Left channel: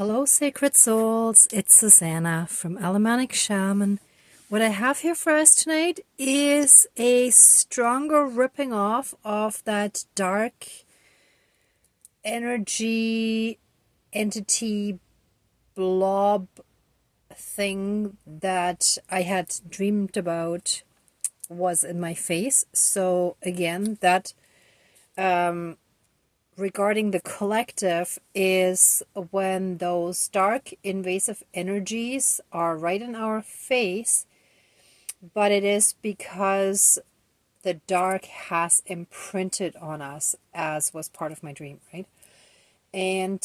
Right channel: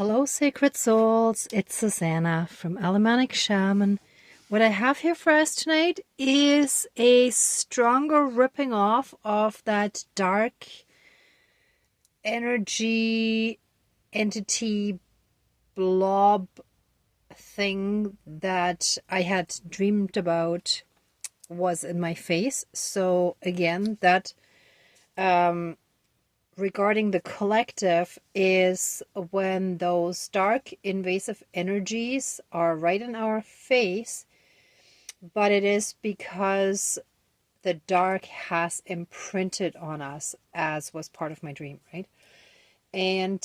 Hello, sacred souls. It's Susanna from Alamanic Shaman. What I have here for us tonight is a stronger ripping off of that dark energy entity blob thing that I had dreamed about was in my face. So again, that regarding the collective is when those dark invasive energies are right in our face, but it is because the dark has imprinted on us, as was part of my dream, right? And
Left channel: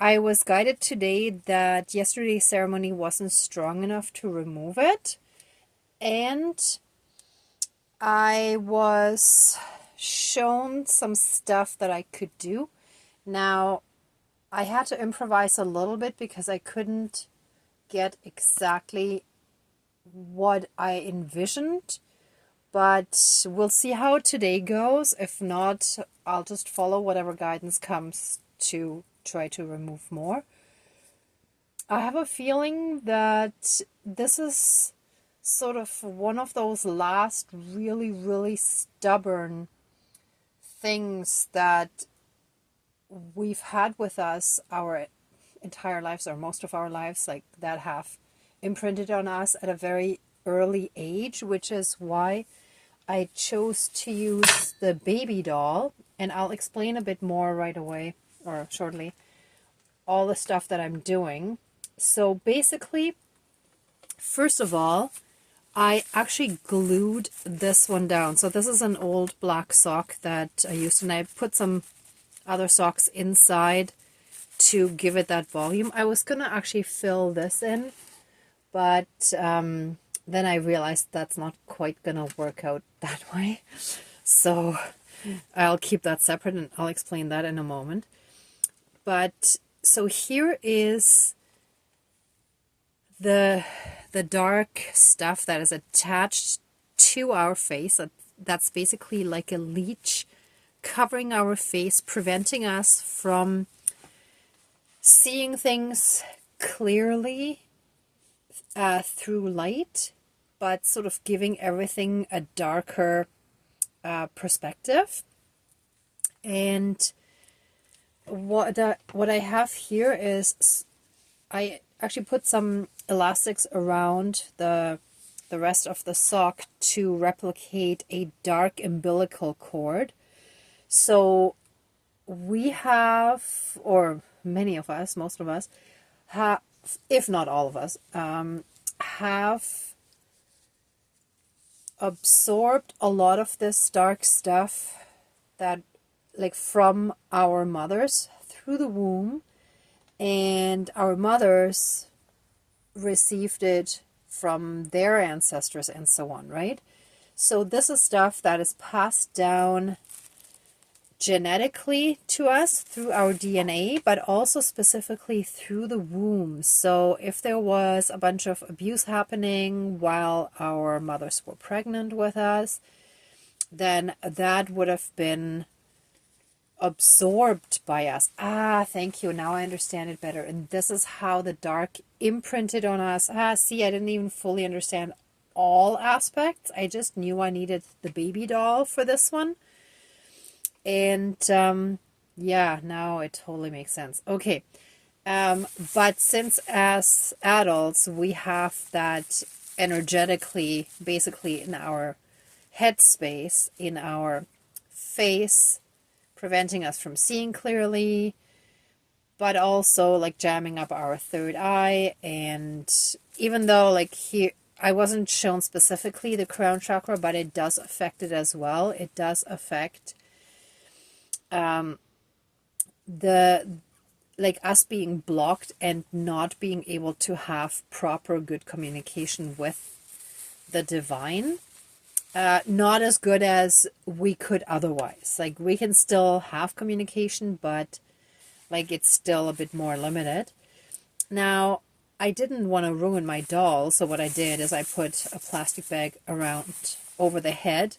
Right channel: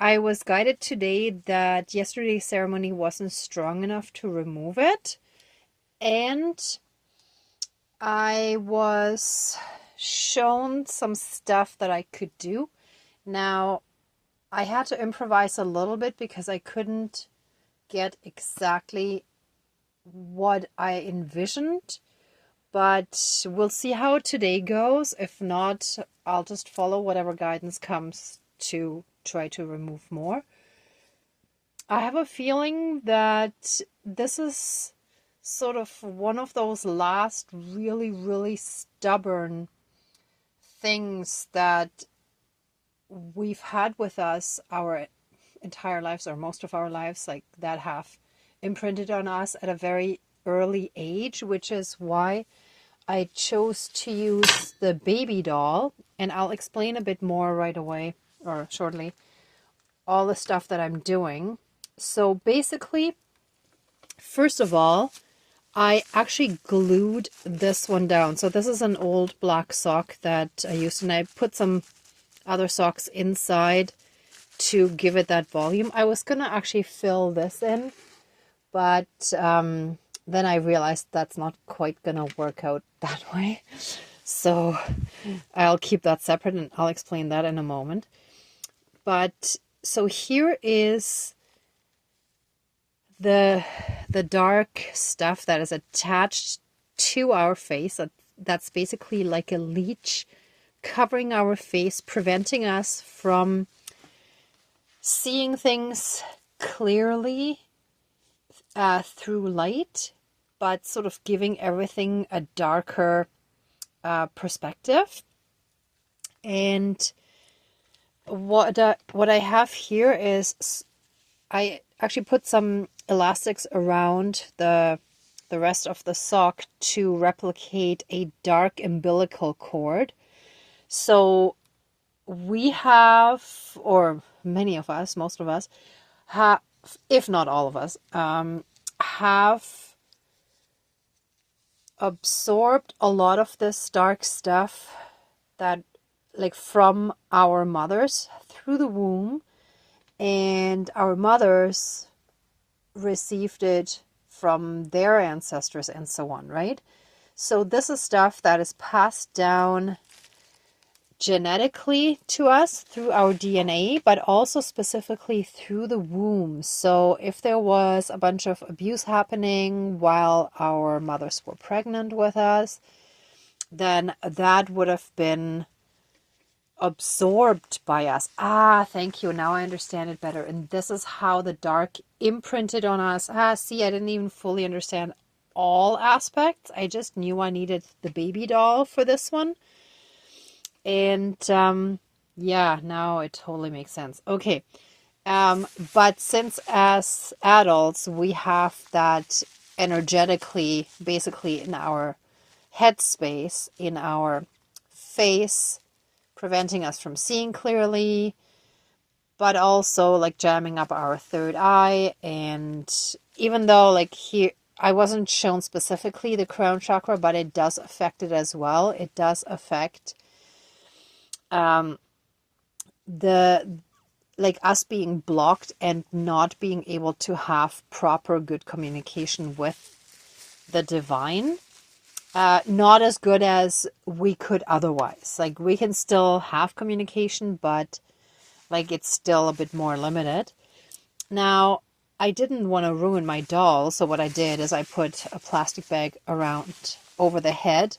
I was guided today that yesterday's ceremony wasn't strong enough to remove it, and I was shown some stuff that I could do. Now, I had to improvise a little bit because I couldn't get exactly what I envisioned, but we'll see how today goes. If not, I'll just follow whatever guidance comes to try to remove more. I have a feeling that this is sort of one of those last really, really stubborn things that we've had with us our entire lives, or most of our lives, like that have imprinted on us at a very early age, which is why I chose to use the baby doll. And I'll explain a bit more right away, or shortly, all the stuff that I'm doing. So basically, first of all, I actually glued this one down. So this is an old black sock that I used, and I put some other socks inside to give it that volume. I was going to actually fill this in, but then I realized that's not quite going to work out that way. So I'll keep that separate, and I'll explain that in a moment. But so here is the dark stuff that is attached to our face. That's basically like a leech covering our face, preventing us from seeing things clearly through light, but sort of giving everything a darker perspective. And what I have here is I actually put some elastics around the rest of the sock to replicate a dark umbilical cord. So we have, or many of us, most of us have, if not all of us, have absorbed a lot of this dark stuff that, like, from our mothers through the womb, and our mothers received it from their ancestors and so on, right? So this is stuff that is passed down genetically to us through our DNA, but also specifically through the womb. So if there was a bunch of abuse happening while our mothers were pregnant with us, then that would have been absorbed by us. Thank you. Now I understand it better. And this is how the dark imprinted on us. See, I didn't even fully understand all aspects. I just knew I needed the baby doll for this one. And yeah, now it totally makes sense. Okay. But since as adults, we have that energetically, basically in our headspace, in our face, preventing us from seeing clearly, but also like jamming up our third eye. And even though like here, I wasn't shown specifically the crown chakra, but it does affect it as well. It does affect the, like, us being blocked and not being able to have proper good communication with the divine. Not as good as we could otherwise. Like, we can still have communication, but like it's still a bit more limited. Now, I didn't want to ruin my doll, so what I did is I put a plastic bag around over the head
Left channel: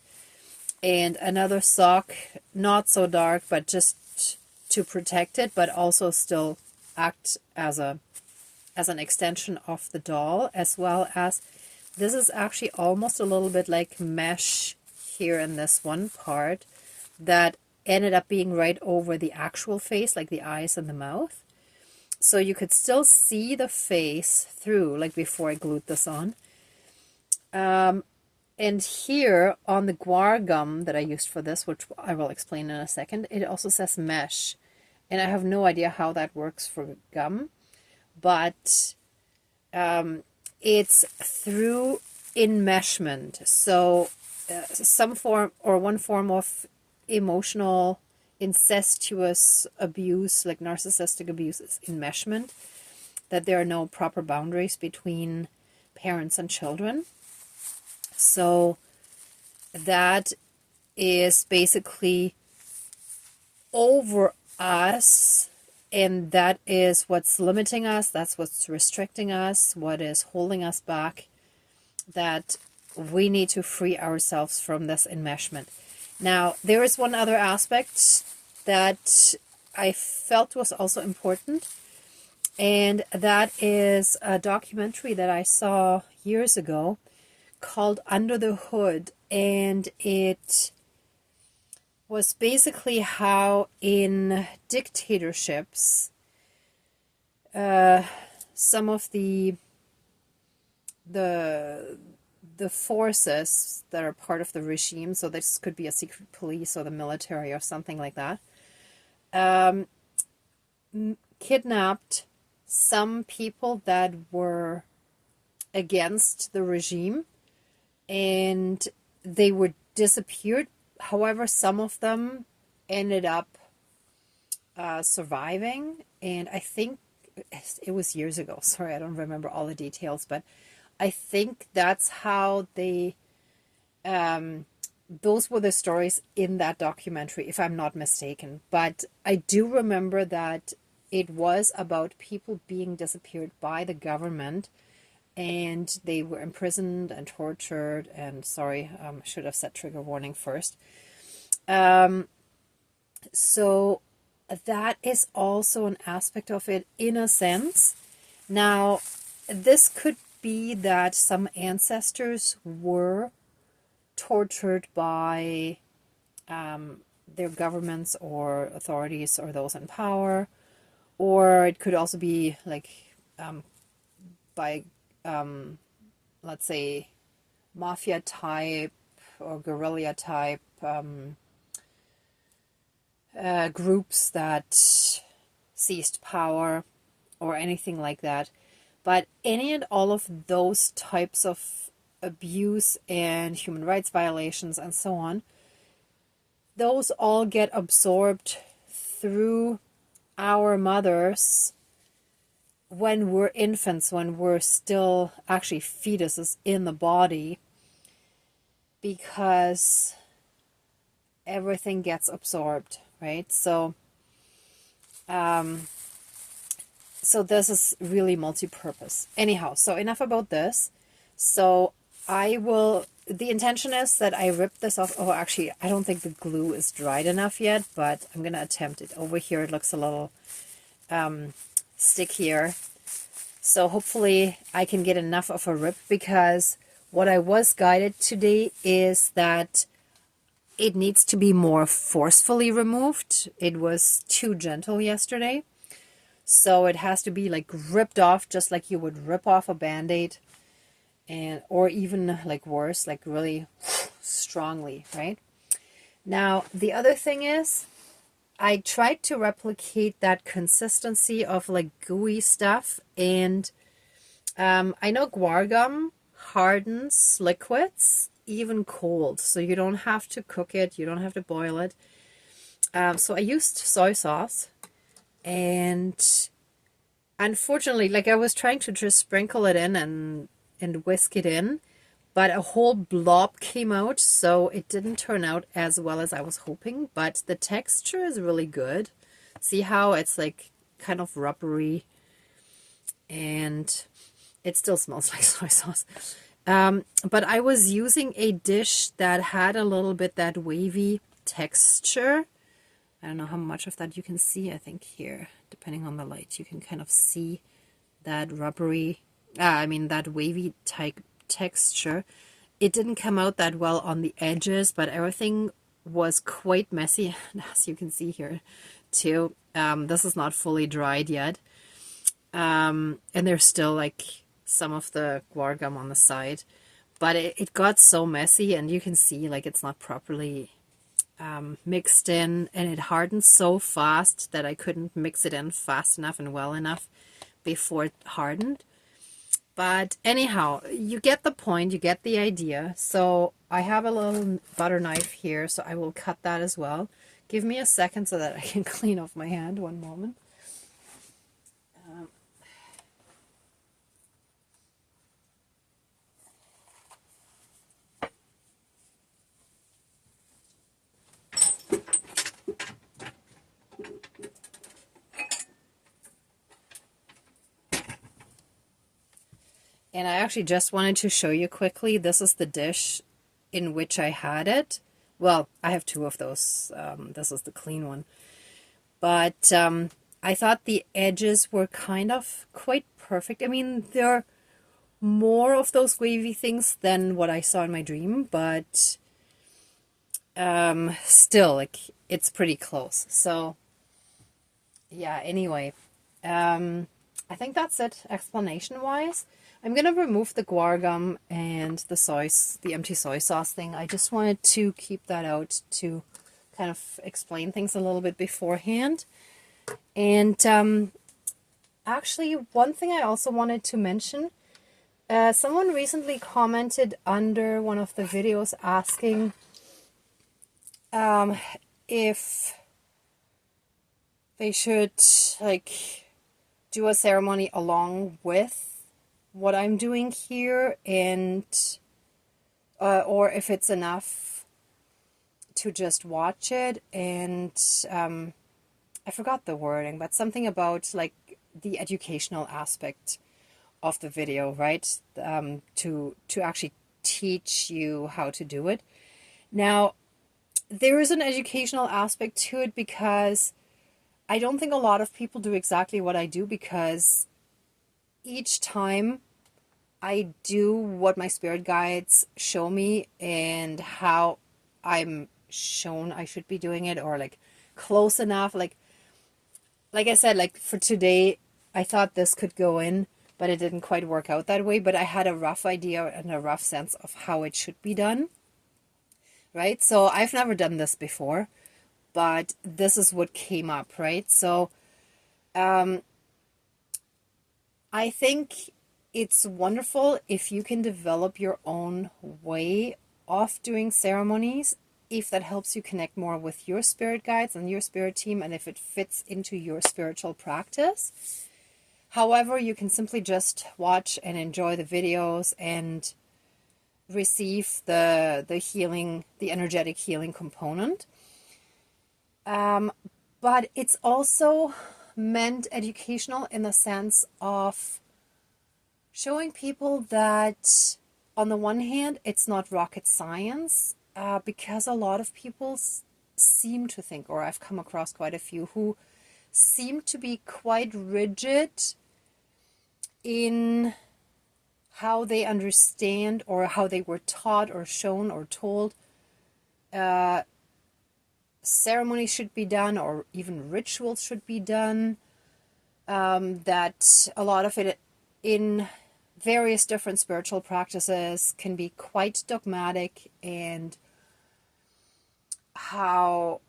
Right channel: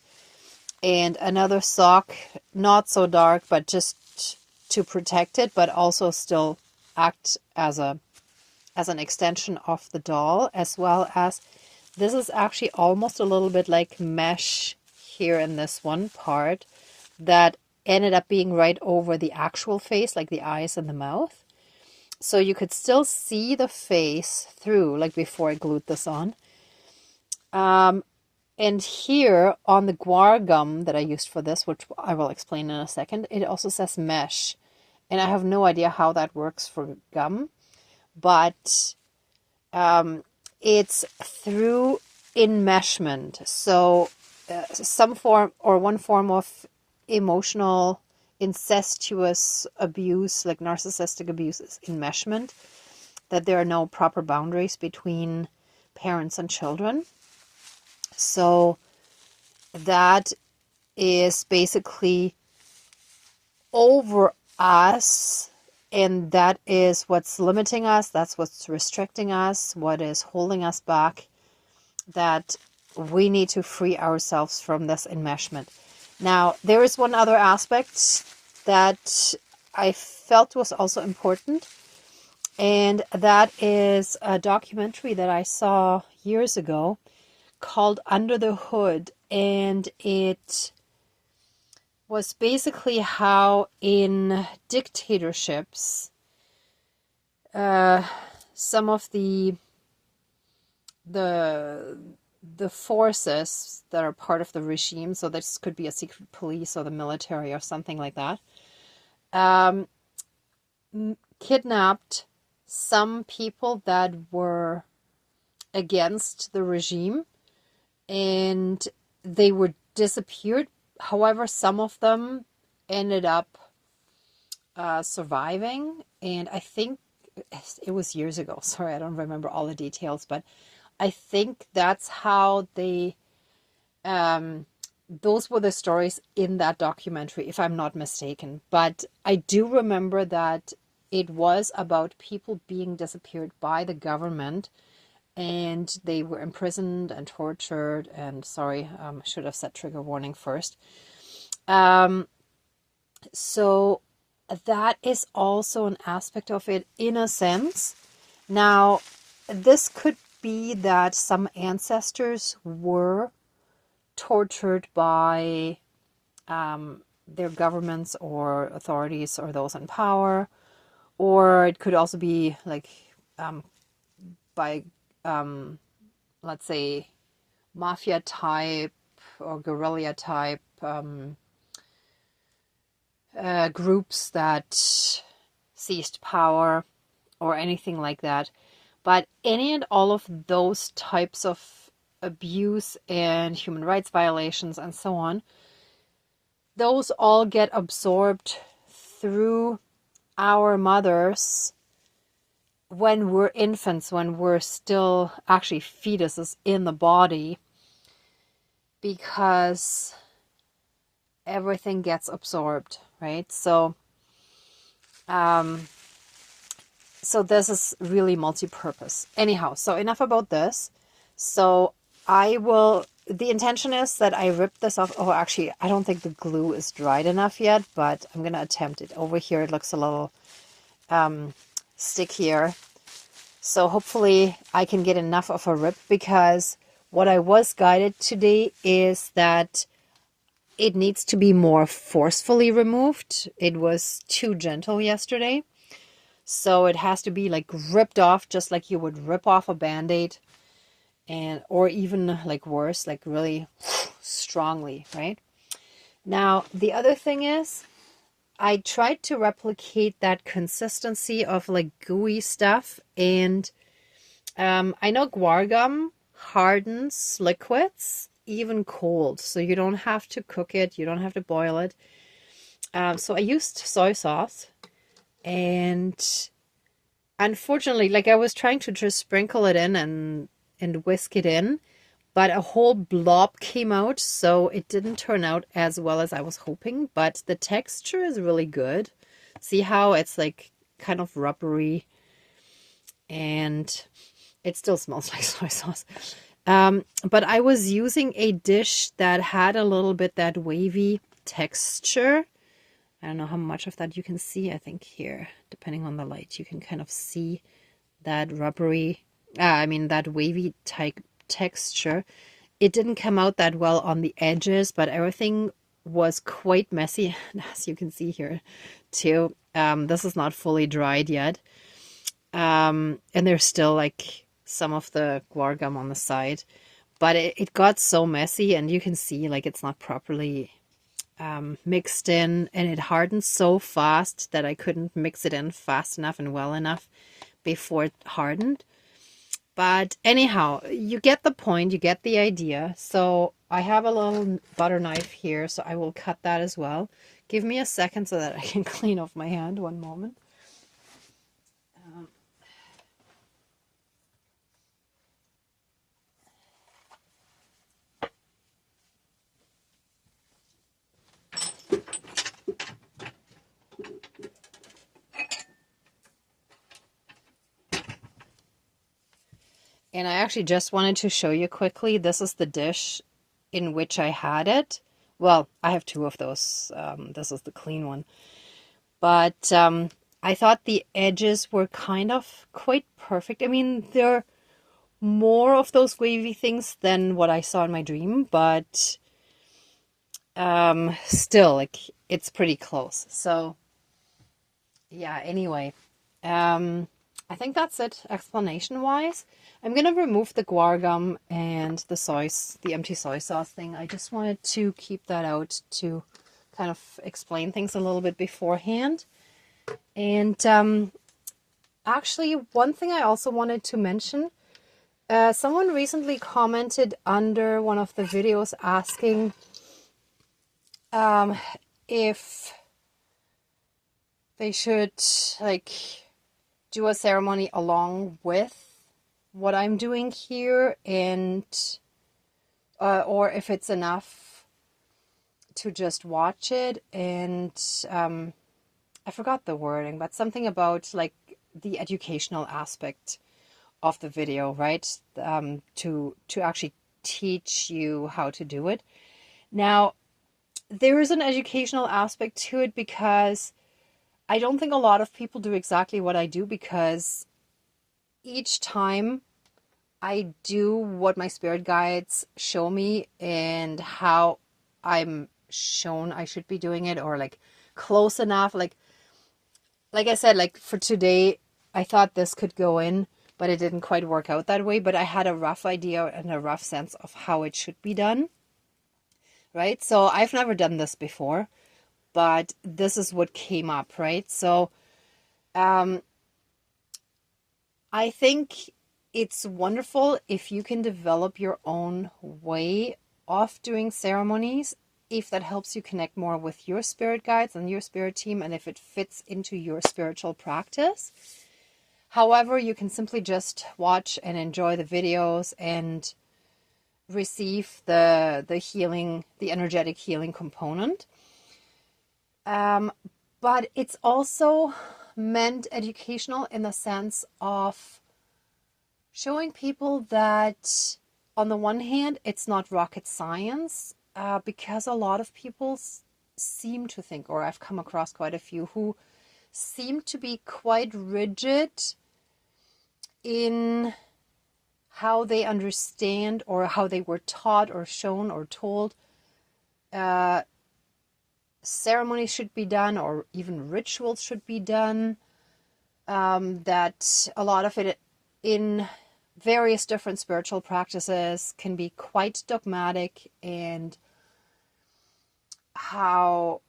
and another sock, not so dark, but just to protect it, but also still act as an extension of the doll, as well as this is actually almost a little bit like mesh here in this one part that ended up being right over the actual face, like the eyes and the mouth. So you could still see the face through, like before I glued this on. And here on the guar gum that I used for this, which I will explain in a second, it also says mesh. And I have no idea how that works for gum, but it's through enmeshment. So some form or one form of emotional incestuous abuse, like narcissistic abuse, is enmeshment, that there are no proper boundaries between parents and children. So that is basically over us, and that is what's limiting us, that's what's restricting us, what is holding us back, that we need to free ourselves from this enmeshment. Now, there is one other aspect that I felt was also important, and that is a documentary that I saw years ago called Under the Hood, and it was basically how in dictatorships some of the forces that are part of the regime, so this could be a secret police or the military or something like that, kidnapped some people that were against the regime, and they were disappeared. However, some of them ended up surviving, and I think it was years ago. Sorry, I don't remember all the details, but I think that's how they, those were the stories in that documentary, if I'm not mistaken. But I do remember that it was about people being disappeared by the government, and they were imprisoned and tortured. And sorry, should have said trigger warning first. So that is also an aspect of it in a sense. Now, this could be that some ancestors were tortured by their governments or authorities or those in power, or it could also be like by let's say mafia type or guerrilla type groups that seized power or anything like that. But any and all of those types of abuse and human rights violations and so on, those all get absorbed through our mothers when we're infants, when we're still actually fetuses in the body, because everything gets absorbed, right? So so this is really multi-purpose. Anyhow, so enough about this. So the intention is that I rip this off. Oh, actually, I don't think the glue is dried enough yet, but I'm going to attempt it. Over here, it looks a little stickier. So hopefully I can get enough of a rip, because what I was guided today is that it needs to be more forcefully removed. It was too gentle yesterday. So it has to be like ripped off, just like you would rip off a Band-Aid, and or even like worse, like really strongly, right? Now, the other thing is, I tried to replicate that consistency of like gooey stuff, and I know guar gum hardens liquids even cold, so you don't have to cook it, you don't have to boil it. So I used soy sauce, and unfortunately, like I was trying to just sprinkle it in and whisk it in, but a whole blob came out, so it didn't turn out as well as I was hoping, but the texture is really good. See how it's like kind of rubbery, and it still smells like soy sauce. But I was using a dish that had a little bit that wavy texture. I don't know how much of that you can see. I think here, depending on the light, you can kind of see that rubbery, that wavy type texture. It didn't come out that well on the edges, but everything was quite messy, as you can see here too. This is not fully dried yet. And there's still like some of the guar gum on the side, but it got so messy, and you can see like it's not properly mixed in, and it hardened so fast that I couldn't mix it in fast enough and well enough before it hardened. But anyhow, you get the point, you get the idea. So I have a little butter knife here, so I will cut that as well. Give me a second so that I can clean off my hand. One moment. And I actually just wanted to show you quickly, this is the dish in which I had it. Well, I have two of those. This is the clean one. But I thought the edges were kind of quite perfect. I mean, they're more of those wavy things than what I saw in my dream, but still, like, it's pretty close. So, yeah, anyway, I think that's it explanation-wise. I'm going to remove the guar gum and the empty soy sauce thing. I just wanted to keep that out to kind of explain things a little bit beforehand. And actually, one thing I also wanted to mention, someone recently commented under one of the videos asking if they should like do a ceremony along with what I'm doing here, and or if it's enough to just watch it. And I forgot the wording, but something about like the educational aspect of the video, right? To actually teach you how to do it. Now, there is an educational aspect to it, because I don't think a lot of people do exactly what I do, because each time I do what my spirit guides show me and how I'm shown I should be doing it, or like close enough. Like I said, like for today, I thought this could go in, but it didn't quite work out that way. But I had a rough idea and a rough sense of how it should be done. Right? So I've never done this before, but this is what came up, right? So I think it's wonderful if you can develop your own way of doing ceremonies, if that helps you connect more with your spirit guides and your spirit team, and if it fits into your spiritual practice. However, you can simply just watch and enjoy the videos and receive the healing, the energetic healing component. But it's also meant educational in the sense of showing people that on the one hand, it's not rocket science, because a lot of people seem to think, or I've come across quite a few who seem to be quite rigid in how they understand, or how they were taught or shown or told ceremonies should be done, or even rituals should be done. That a lot of it in various different spiritual practices can be quite dogmatic, and how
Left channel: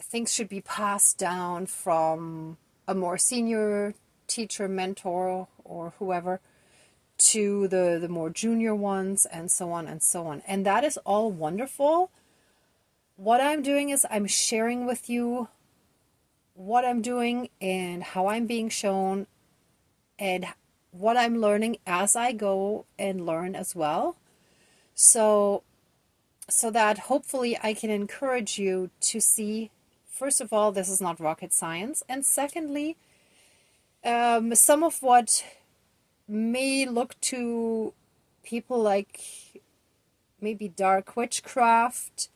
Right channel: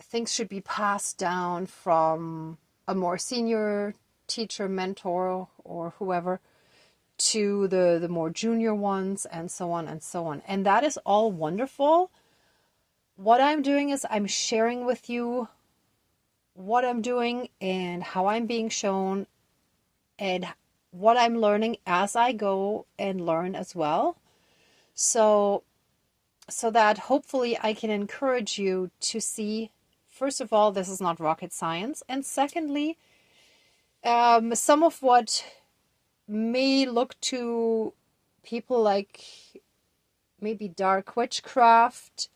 things should be passed down from a more senior teacher, mentor, or whoever to the more junior ones, and so on and so on. And that is all wonderful. What I'm doing is I'm sharing with you what I'm doing and how I'm being shown, and what I'm learning as I go and learn as well. So that hopefully I can encourage you to see, first of all, this is not rocket science. And secondly, some of what may look to people like maybe dark witchcraft,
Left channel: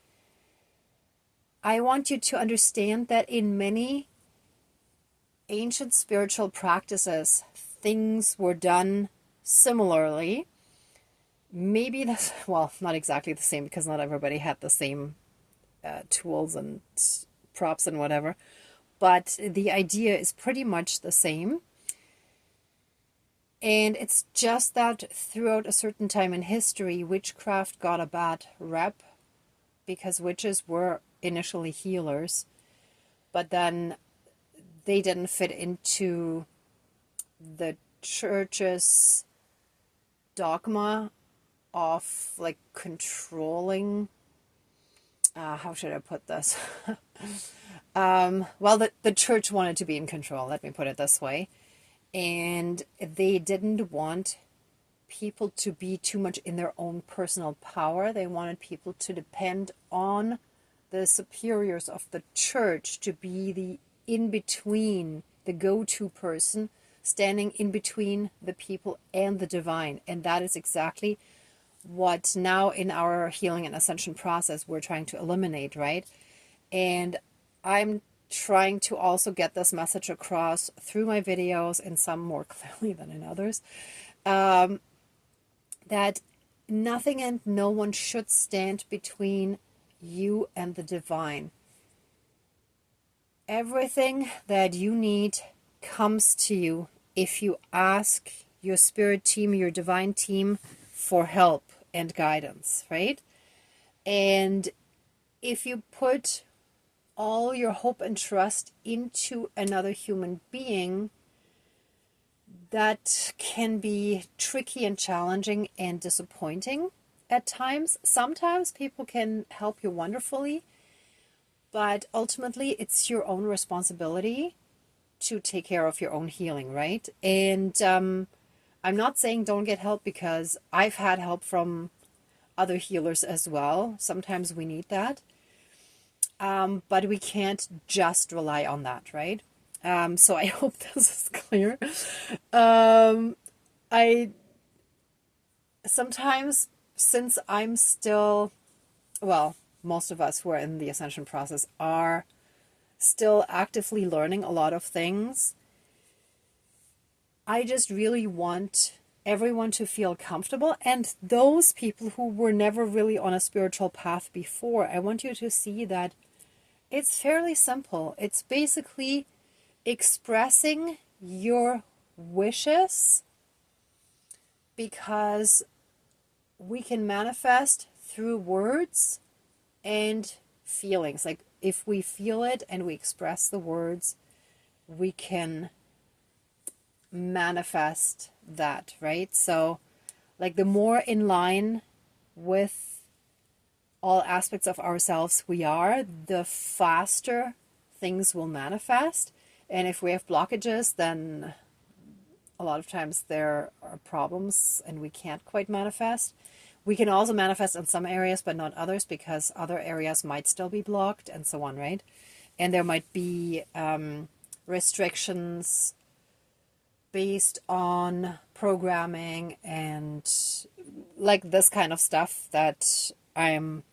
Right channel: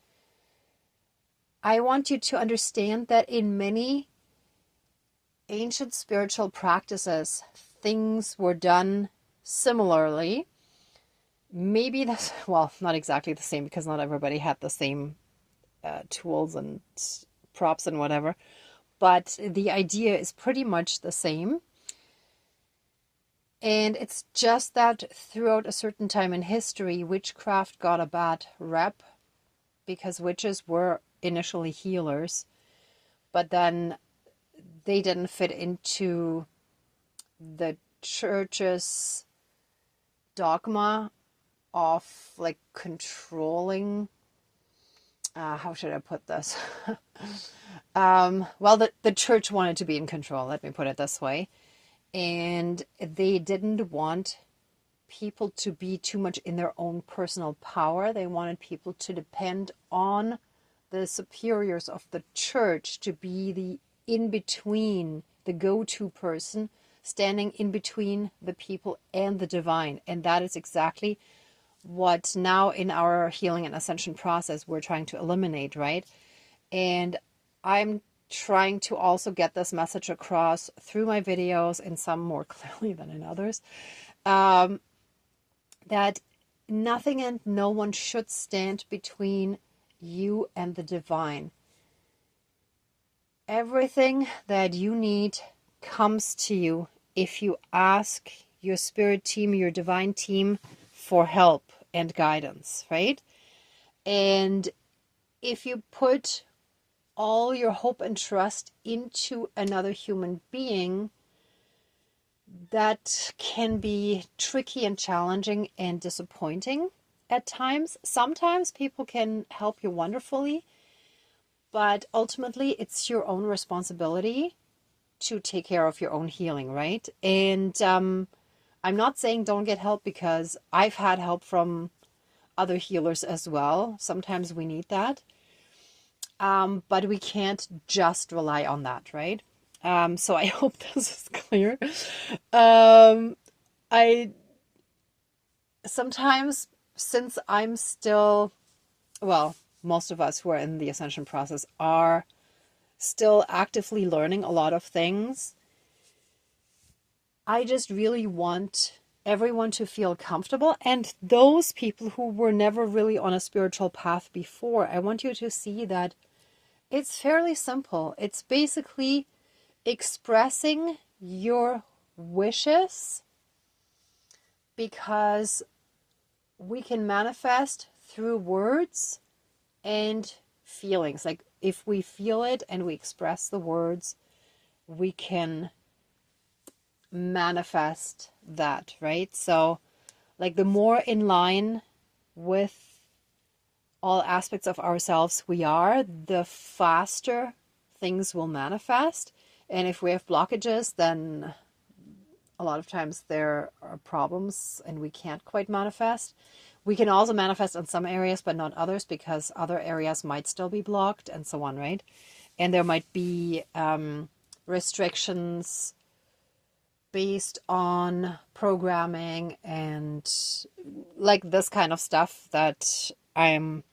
I want you to understand that in many ancient spiritual practices, things were done similarly. Maybe that's, well, not exactly the same because not everybody had the same tools and props and whatever, but the idea is pretty much the same. And it's just that throughout a certain time in history, witchcraft got a bad rep because witches were initially healers, but then they didn't fit into the church's dogma of like controlling. How should I put this? Well, the church wanted to be in control, let me put it this way. And they didn't want people to be too much in their own personal power. They wanted people to depend on the superiors of the church to be the in-between, the go-to person, standing in between the people and the divine. And that is exactly what now in our healing and ascension process we're trying to eliminate, right? And I'm trying to also get this message across through my videos, and some more clearly than in others, that nothing and no one should stand between you and the divine. Everything that you need comes to you if you ask your spirit team, your divine team, for help and guidance, right? And if you put all your hope and trust into another human being, that can be tricky and challenging and disappointing at times. Sometimes people can help you wonderfully, but ultimately it's your own responsibility to take care of your own healing, right? And I'm not saying don't get help, because I've had help from other healers as well. Sometimes we need that. But we can't just rely on that, right? So I hope this is clear. I sometimes, since I'm still, well, most of us who are in the ascension process are still actively learning a lot of things. I just really want everyone to feel comfortable. And those people who were never really on a spiritual path before, I want you to see that it's fairly simple. It's basically expressing your wishes, because we can manifest through words and feelings. Like if we feel it and we express the words, we can manifest that, right? So like the more in line with all aspects of ourselves we are, the faster things will manifest. And if we have blockages, then a lot of times there are problems and we can't quite manifest. We can also manifest in some areas, but not others, because other areas might still be blocked and so on, right? And there might be restrictions based on programming and like this kind of stuff that I'm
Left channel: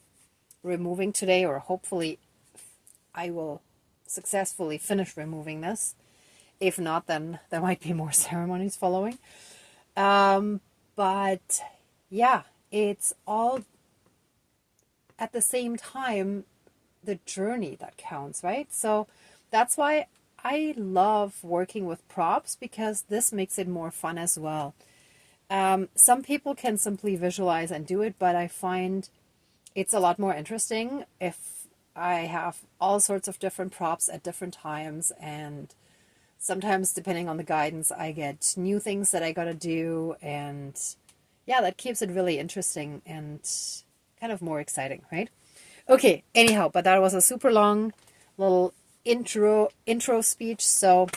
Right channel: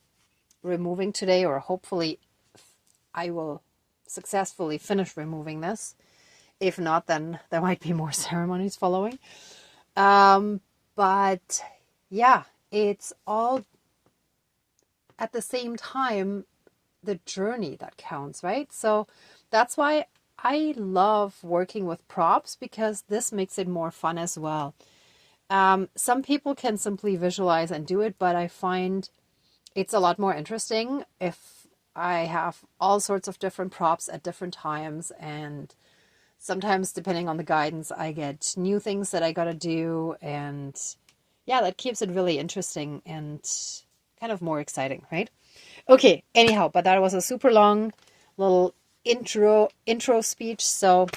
removing today, or hopefully I will successfully finish removing this. If not, then there might be more ceremonies following. But yeah, it's all at the same time the journey that counts, right? So that's why I love working with props, because this makes it more fun as well. Some people can simply visualize and do it, but I find it's a lot more interesting if I have all sorts of different props at different times, and sometimes depending on the guidance I get new things that I gotta do, and yeah, that keeps it really interesting and kind of more exciting, right? Okay, anyhow, but that was a super long little intro speech, so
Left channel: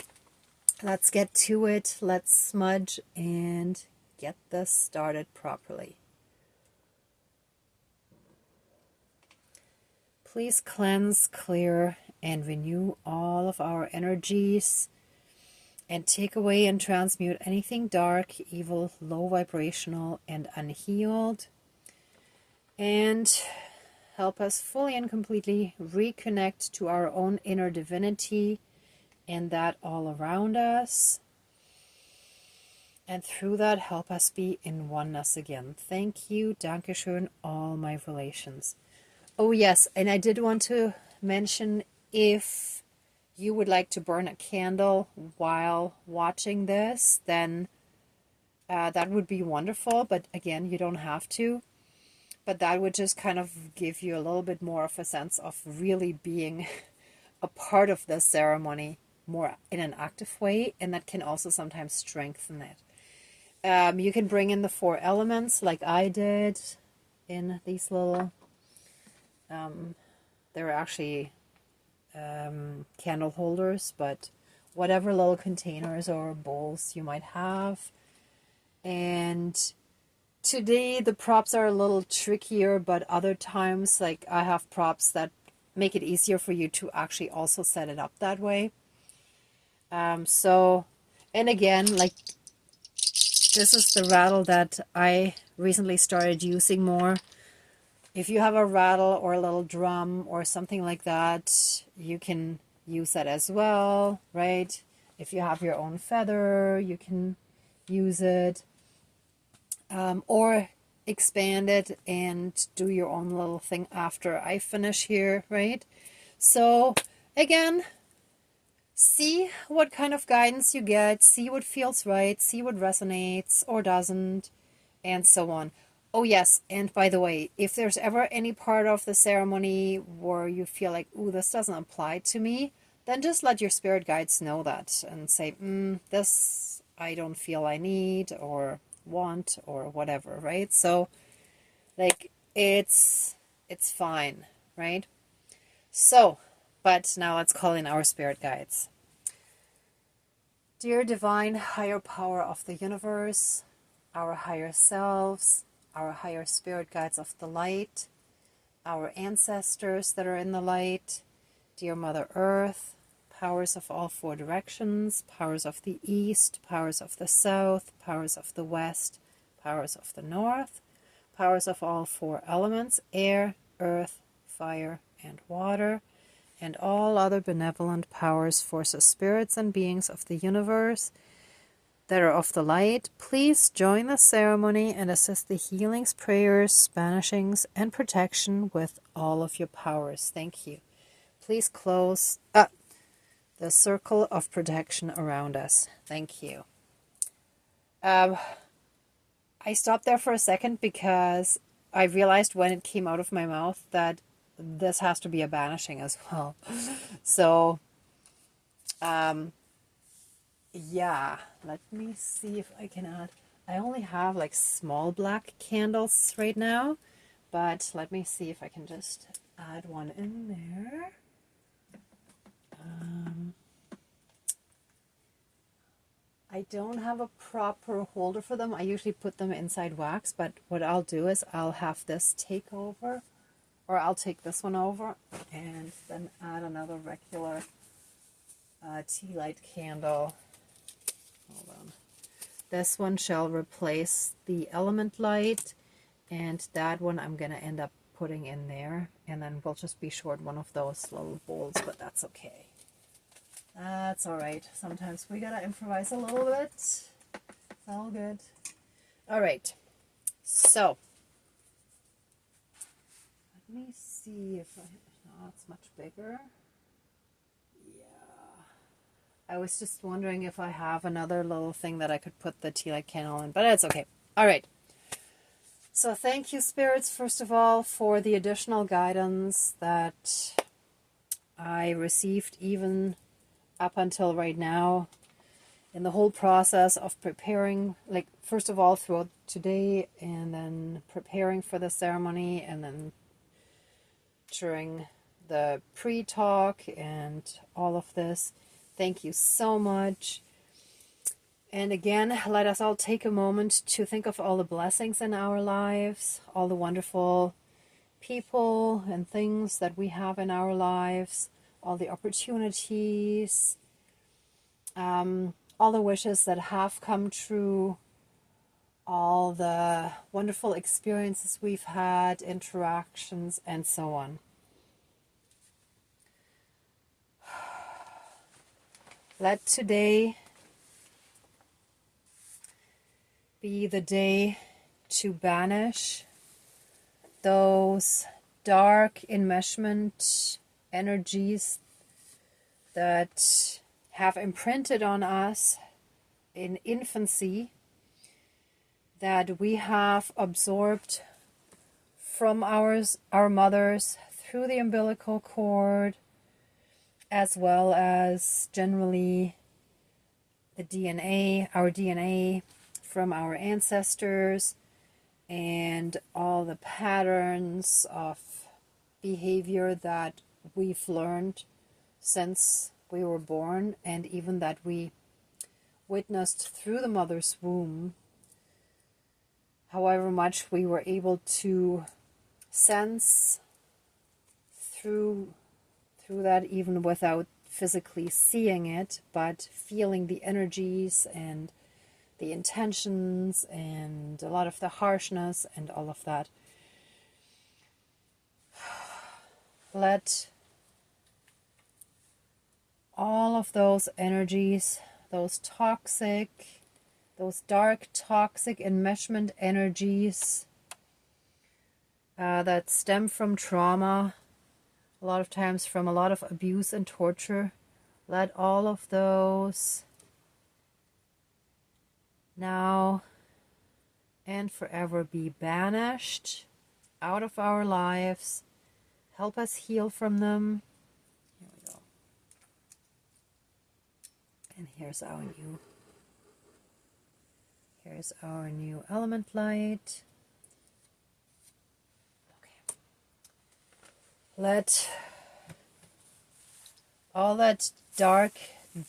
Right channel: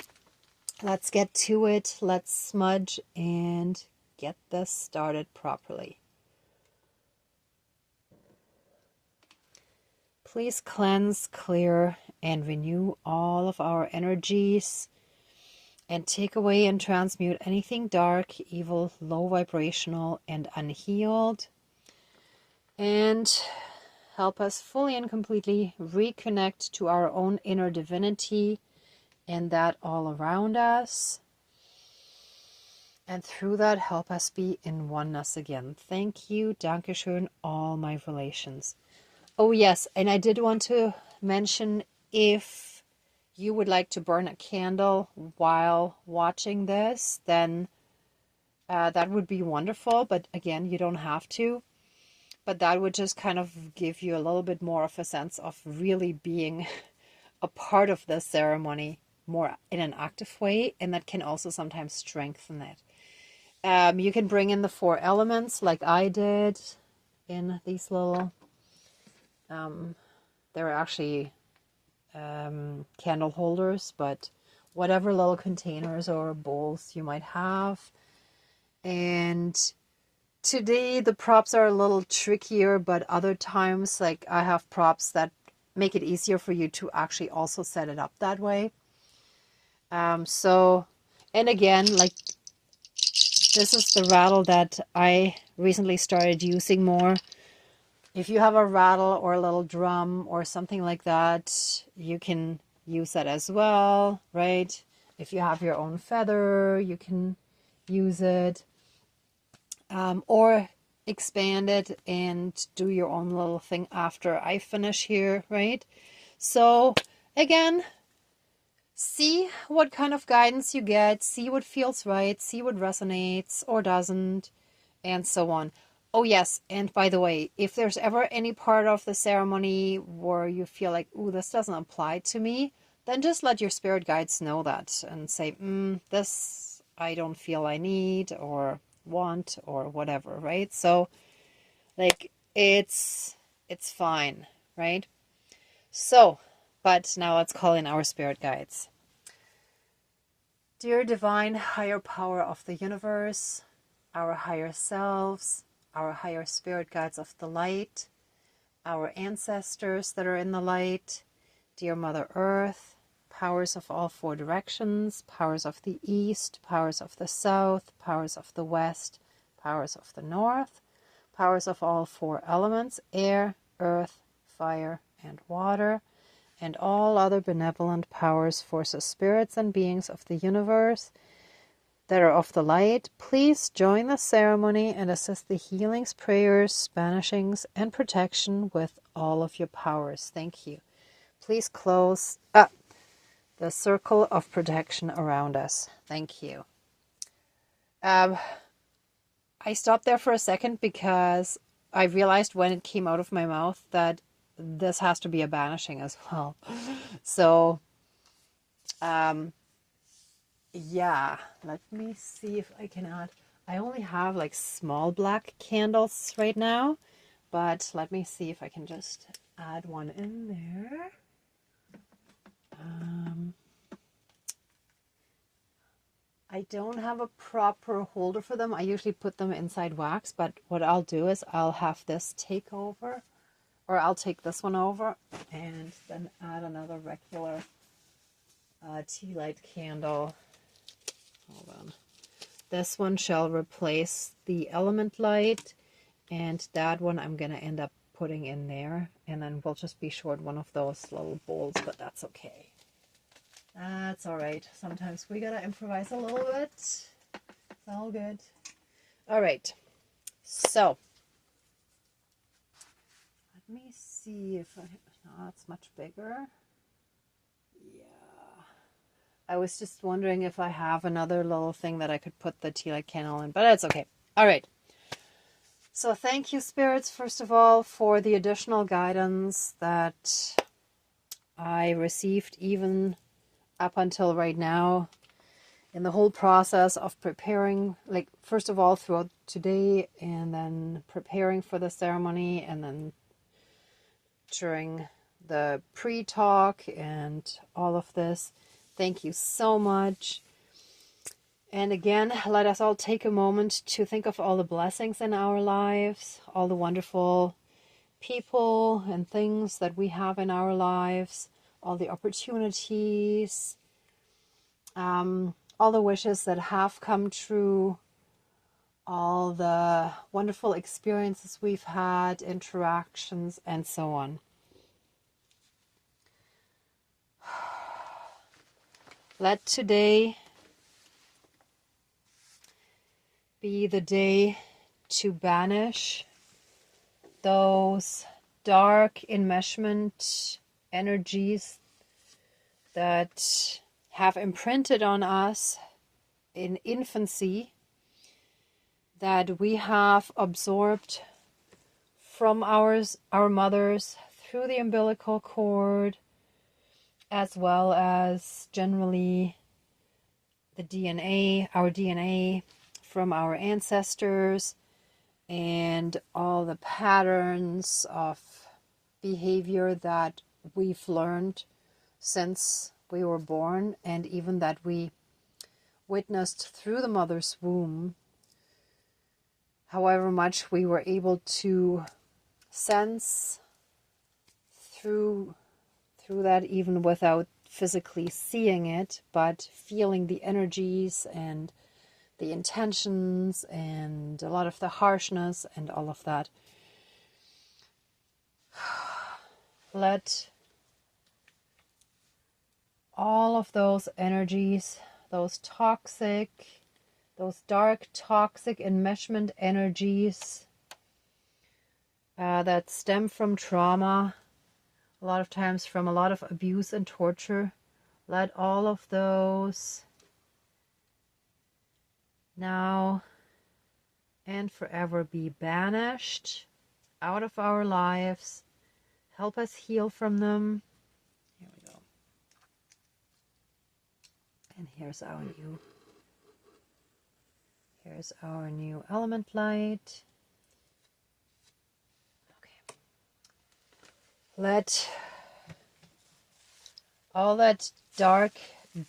let's get to it. Let's smudge and get this started properly. Please cleanse, clear, and renew all of our energies, and take away and transmute anything dark, evil, low vibrational, and unhealed. And help us fully and completely reconnect to our own inner divinity and that all around us. And through that, help us be in oneness again. Thank you, Dankeschön, all my relations. Oh yes, and I did want to mention, if you would like to burn a candle while watching this, then that would be wonderful. But again, you don't have to. But that would just kind of give you a little bit more of a sense of really being a part of the ceremony more in an active way. And that can also sometimes strengthen it. You can bring in the 4 elements like I did in these little, they're actually candle holders, but whatever little containers or bowls you might have. And today the props are a little trickier, but other times, like, I have props that make it easier for you to actually also set it up that way. So, and again, like, this is the rattle that I recently started using more. If you have a rattle or a little drum or something like that, you can use that as well, right? If you have your own feather, you can use it. Or expand it and do your own little thing after I finish here, right? So again, see what kind of guidance you get, see what feels right, see what resonates or doesn't, and so on. Oh yes, and by the way, if there's ever any part of the ceremony where you feel like, ooh, this doesn't apply to me, then just let your spirit guides know that and say, this I don't feel I need or want or whatever, right? So like it's fine, right? So, but now let's call in our spirit guides. Dear divine higher power of the universe, our higher selves, our higher spirit guides of the light, our ancestors that are in the light, dear Mother Earth, powers of all 4 directions, powers of the east, powers of the south, powers of the west, powers of the north, powers of all 4 elements, air, earth, fire, and water, and all other benevolent powers, forces, spirits, and beings of the universe that are of the light, please join the ceremony and assist the healings, prayers, banishings, and protection with all of your powers. Thank you. Please close the circle of protection around us. Thank you. I stopped there for a second because I realized when it came out of my mouth that this has to be a banishing as well. So, yeah, let me see if I can add. I only have like small black candles right now, but let me see if I can just add one in there. I don't have a proper holder for them. I usually put them inside wax, but what I'll do is I'll have this take over, or I'll take this one over and then add another regular tea light candle. Hold on. This one shall replace the element light, and that one I'm going to end up putting in there, and then we'll just be short one of those little bowls, but that's okay. That's all right. Sometimes we got to improvise a little bit. It's all good. All right. So, let me see if it's much bigger. Yeah. I was just wondering if I have another little thing that I could put the tea light candle in, but it's okay. All right. So thank you, spirits, first of all, for the additional guidance that I received even up until right now in the whole process of preparing, like, first of all, throughout today, and then preparing for the ceremony, and then during the pre-talk and all of this. Thank you so much. And again, let us all take a moment to think of all the blessings in our lives, all the wonderful people and things that we have in our lives, all the opportunities, all the wishes that have come true, all the wonderful experiences we've had, interactions, and so on. Let today be the day to banish those dark enmeshment energies that have imprinted on us in infancy, that we have absorbed from our mothers through the umbilical cord, as well as generally the DNA, our DNA from our ancestors, and all the patterns of behavior that we've learned since we were born, and even that we witnessed through the mother's womb, however much we were able to sense through that, even without physically seeing it, but feeling the energies and the intentions and a lot of the harshness and all of that. Let all of those energies, those dark toxic enmeshment energies that stem from trauma, a lot of times from a lot of abuse and torture, let all of those now and forever be banished out of our lives. Help us heal from them. Here we go. And here's our new element light. Okay. Let all that dark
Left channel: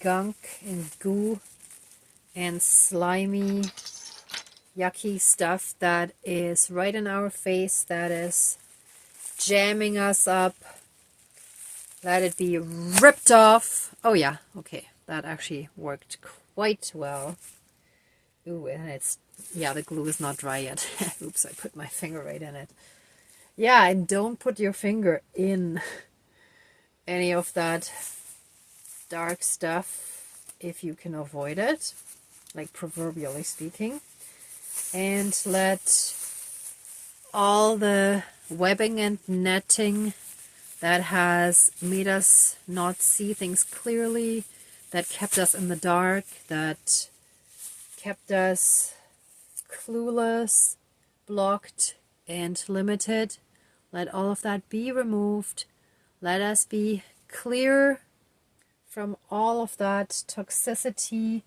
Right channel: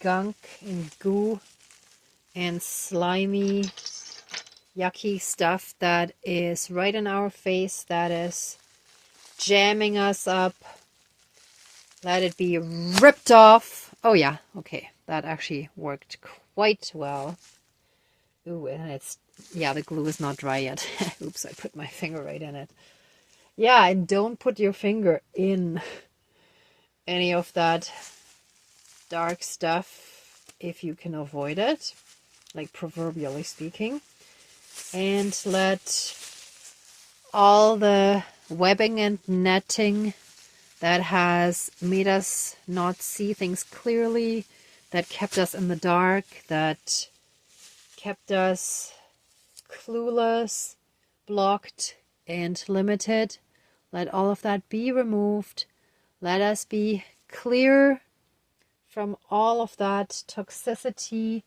gunk and goo and slimy, yucky stuff that is right in our face, that is jamming us up, let it be ripped off. Oh yeah, okay, that actually worked quite well. Ooh, and the glue is not dry yet. Oops, I put my finger right in it. Yeah, and don't put your finger in any of that dark stuff if you can avoid it, like proverbially speaking. And let all the webbing and netting that has made us not see things clearly, that kept us in the dark, that kept us clueless, blocked, and limited, let all of that be removed. Let us be clear from all of that toxicity,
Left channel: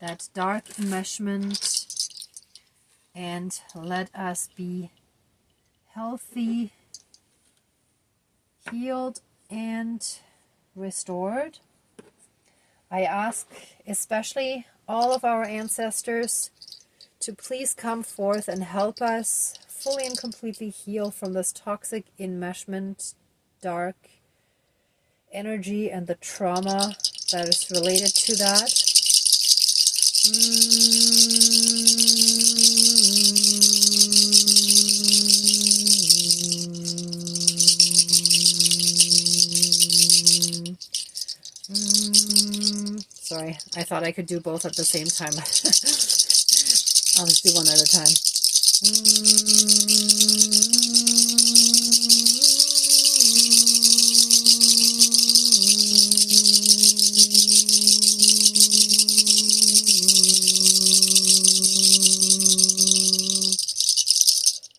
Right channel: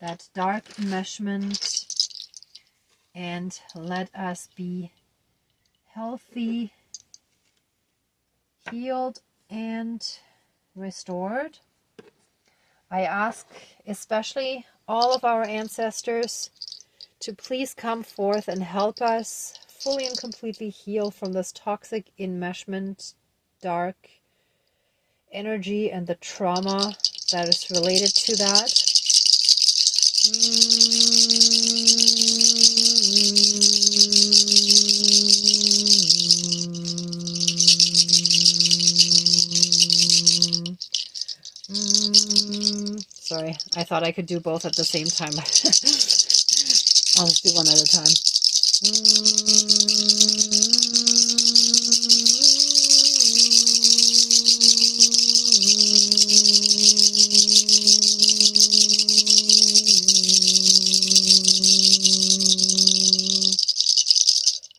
that dark enmeshment, and let us be healthy, healed, and restored. I ask especially all of our ancestors to please come forth and help us fully and completely heal from this toxic enmeshment, dark energy, and the trauma that is related to that. Sorry, I thought I could do both at the same time. I'll just do one at a time.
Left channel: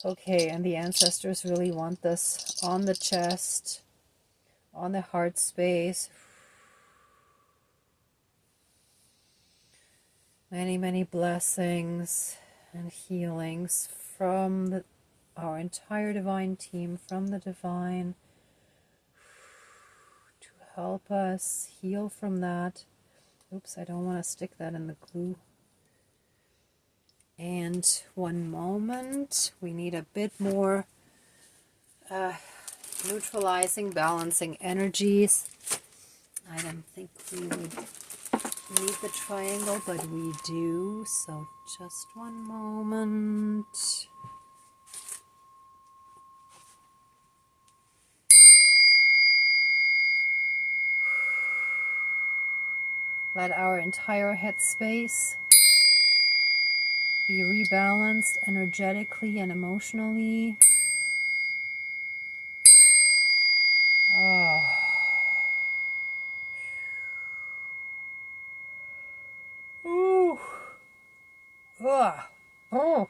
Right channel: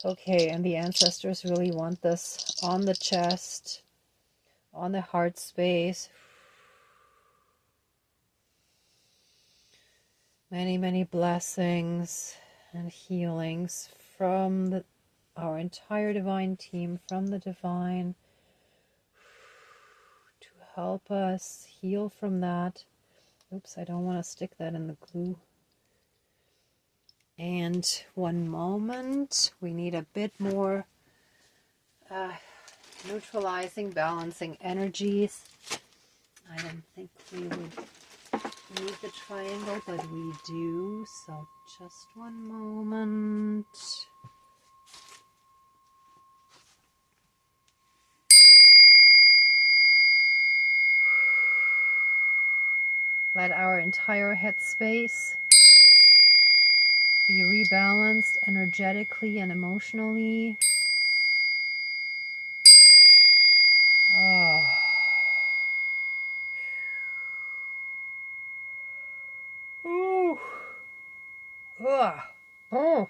Okay, and the ancestors really want this on the chest, on the heart space. Many, many blessings and healings from our entire divine team, from the divine, to help us heal from that. Oops, I don't want to stick that in the glue. And one moment, we need a bit more neutralizing, balancing energies. I don't think we would need the triangle, but we do, so just one moment. Let our entire headspace be rebalanced energetically and emotionally. Oh. Ooh. Ugh. Oh.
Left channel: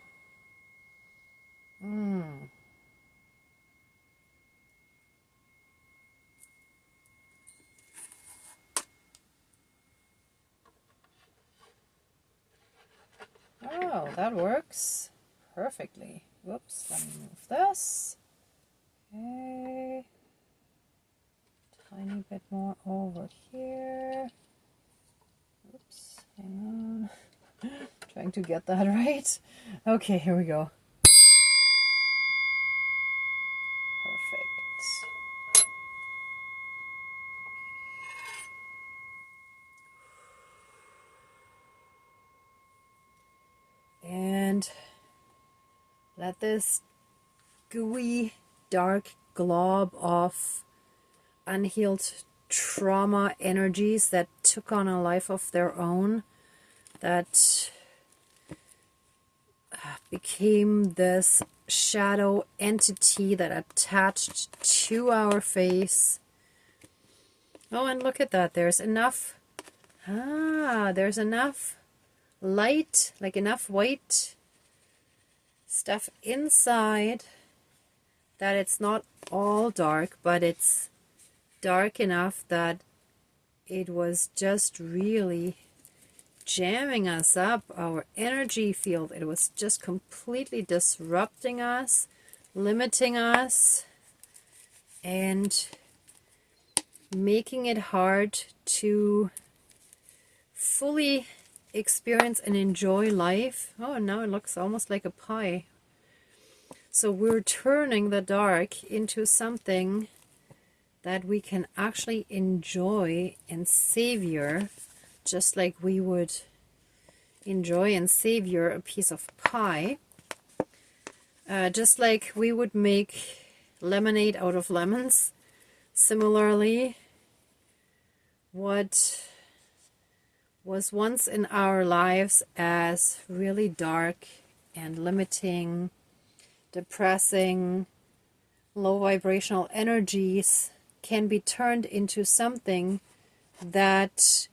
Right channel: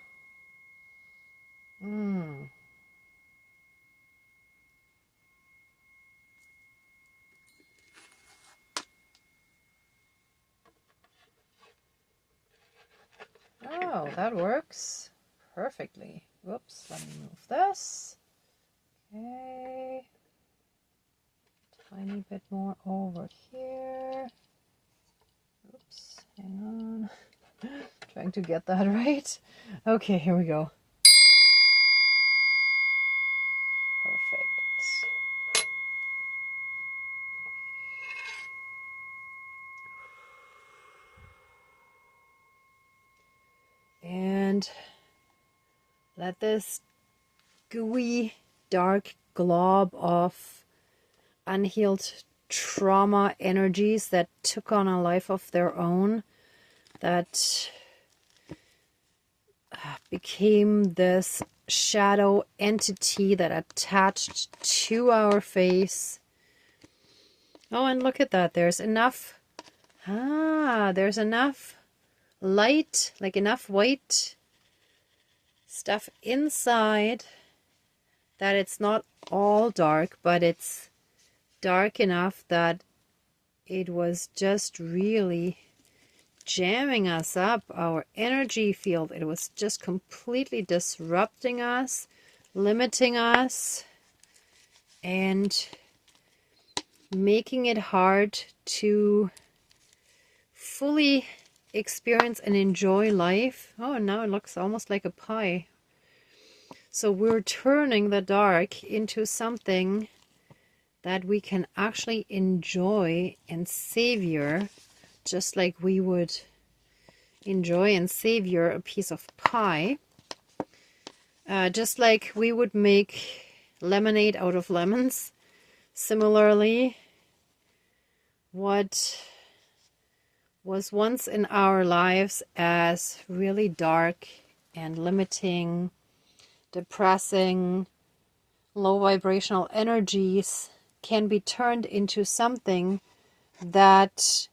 Oh, that works perfectly. Whoops, let me move this. Okay. Tiny bit more over here. Oops, hang on. Trying to get that right. Okay, here we go. Perfect. And let this gooey, dark glob of unhealed trauma energies that took on a life of their own, that became this shadow entity that attached to our face. Oh, and look at that. There's enough. There's enough light, like enough white stuff inside that it's not all dark, but it's dark enough that it was just really jamming us up, our energy field. It was just completely disrupting us, limiting us, and making it hard to fully experience and enjoy life. Oh, and now it looks almost like a pie. So we're turning the dark into something that we can actually enjoy and savor, just like we would enjoy and savor a piece of pie. Just like we would make lemonade out of lemons. Similarly, what was once in our lives as really dark and limiting, depressing, low vibrational energies can be turned into something that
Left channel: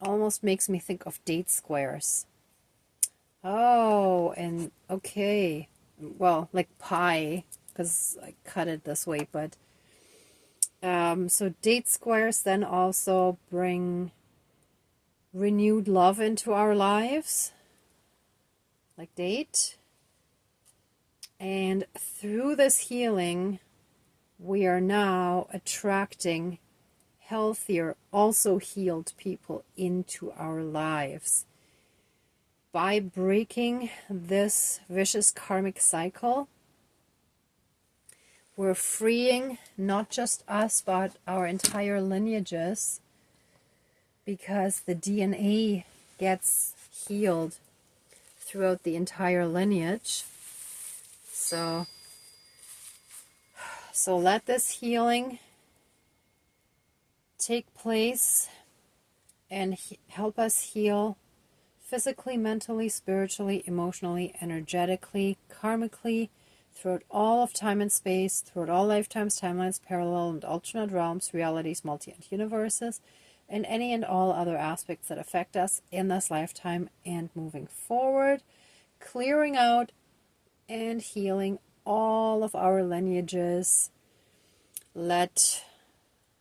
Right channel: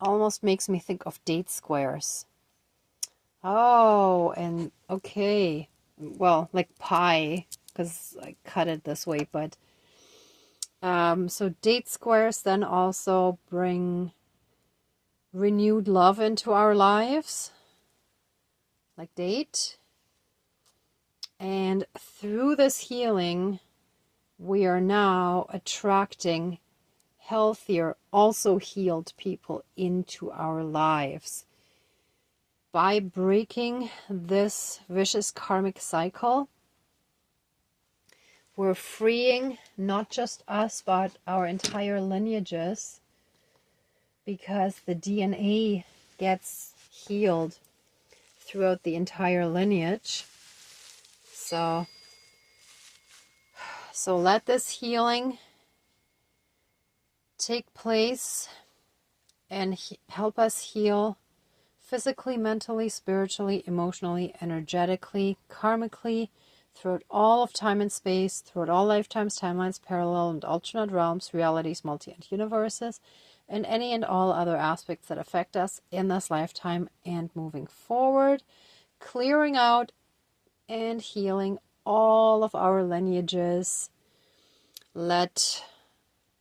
almost makes me think of date squares. Oh, and okay. Well, like pie, because I cut it this way, but so date squares then also bring renewed love into our lives, like date. And through this healing, we are now attracting healthier, also healed people into our lives. By breaking this vicious karmic cycle, we're freeing not just us, but our entire lineages, because the DNA gets healed throughout the entire lineage. So let this healing take place and help us heal physically, mentally, spiritually, emotionally, energetically, karmically, throughout all of time and space, throughout all lifetimes, timelines, parallel and alternate realms, realities, multi and universes, and any and all other aspects that affect us in this lifetime and moving forward, clearing out and healing all of our lineages. Let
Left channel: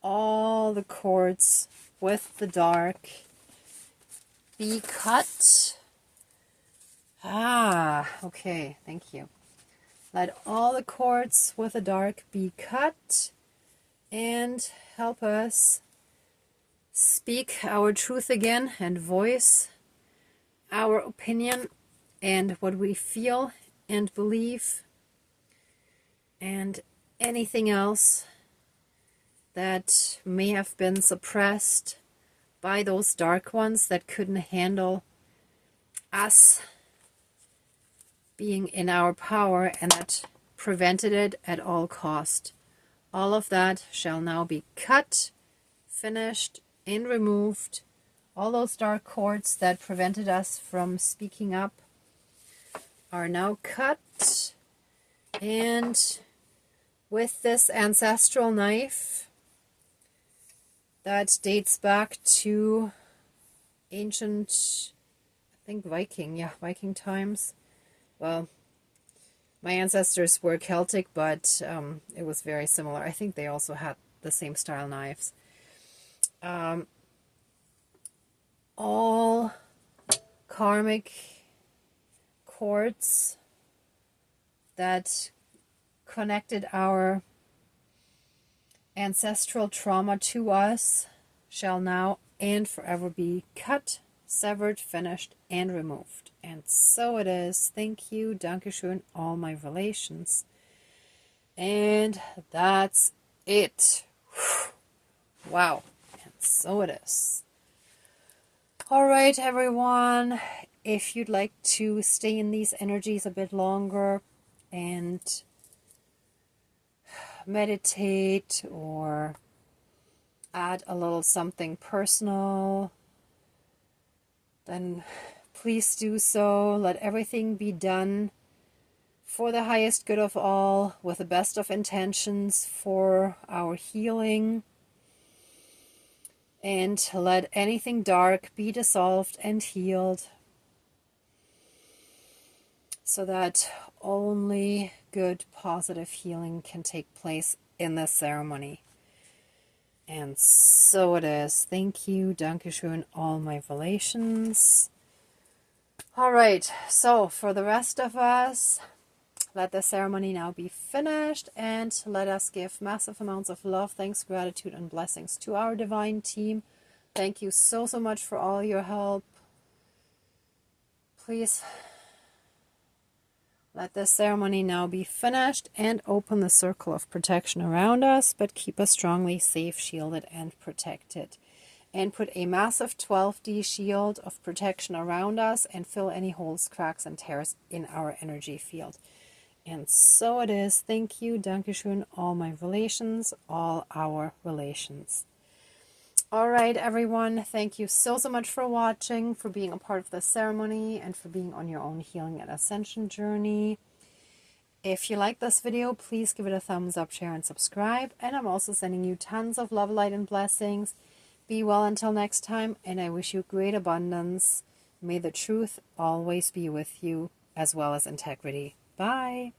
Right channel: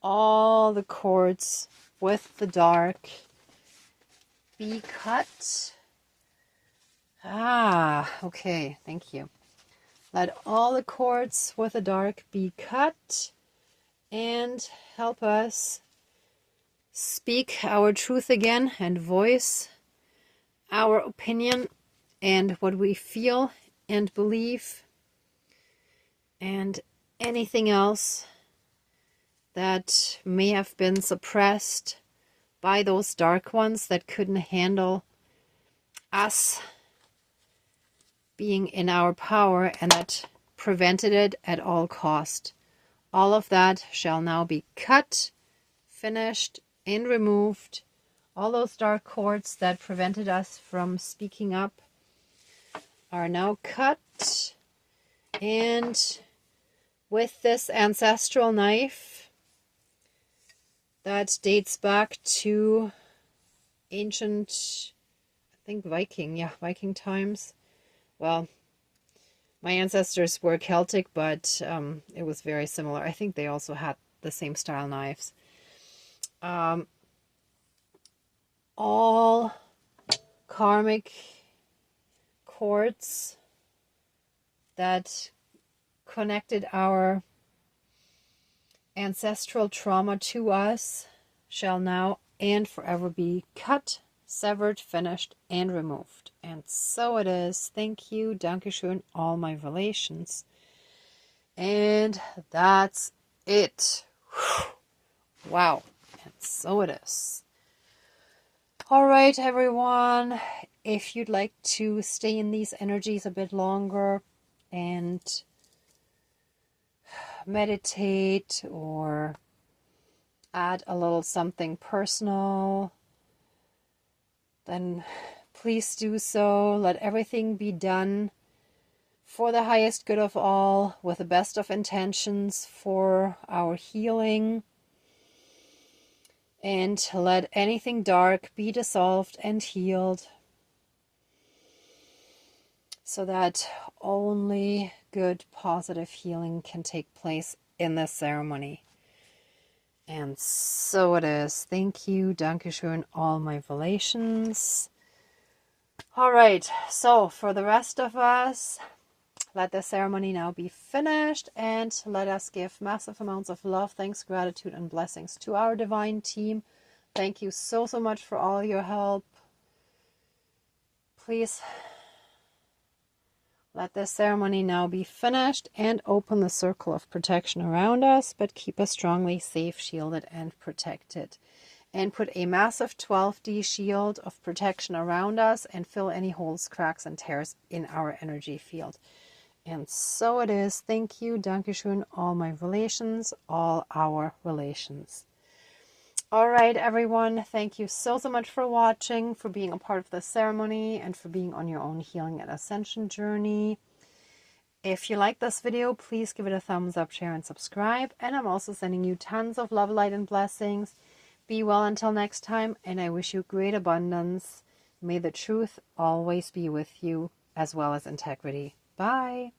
all the cords with the dark be cut. Okay, thank you. Let all the cords with the dark be cut and help us speak our truth again and voice our opinion and what we feel and believe, and anything else that may have been suppressed by those dark ones that couldn't handle us being in our power and that prevented it at all cost. All of that shall now be cut, finished, and removed. All those dark cords that prevented us from speaking up are now cut. And with this ancestral knife that dates back to ancient, I think Viking times. Well, my ancestors were Celtic, but it was very similar. I think they also had the same style knives. All karmic cords that connected our ancestral trauma to us shall now and forever be cut, severed, finished, and removed. And so it is. Thank you, Dankeschön, all my relations. And that's it. Wow. And so it is. All right, everyone. If you'd like to stay in these energies a bit longer and meditate or add a little something personal, then please do so. Let everything be done for the highest good of all, with the best of intentions for our healing. And let anything dark be dissolved and healed, so that only good, positive healing can take place in this ceremony. And so it is. Thank you, Dankeschön, all my relations. All right, so for the rest of us, let the ceremony now be finished, and let us give massive amounts of love, thanks, gratitude, and blessings to our divine team. Thank you so much for all your help. Please let this ceremony now be finished and open the circle of protection around us, but keep us strongly safe, shielded, and protected. And put a massive 12D shield of protection around us and fill any holes, cracks, and tears in our energy field. And so it is. Thank you, Dankeschön, all my relations, all our relations. All right, everyone. Thank you so much for watching, for being a part of the ceremony, and for being on your own healing and ascension journey. If you like this video, please give it a thumbs up, share, and subscribe. And I'm also sending you tons of love, light, and blessings. Be well until next time, and I wish you great abundance. May the truth always be with you, as well as integrity. Bye.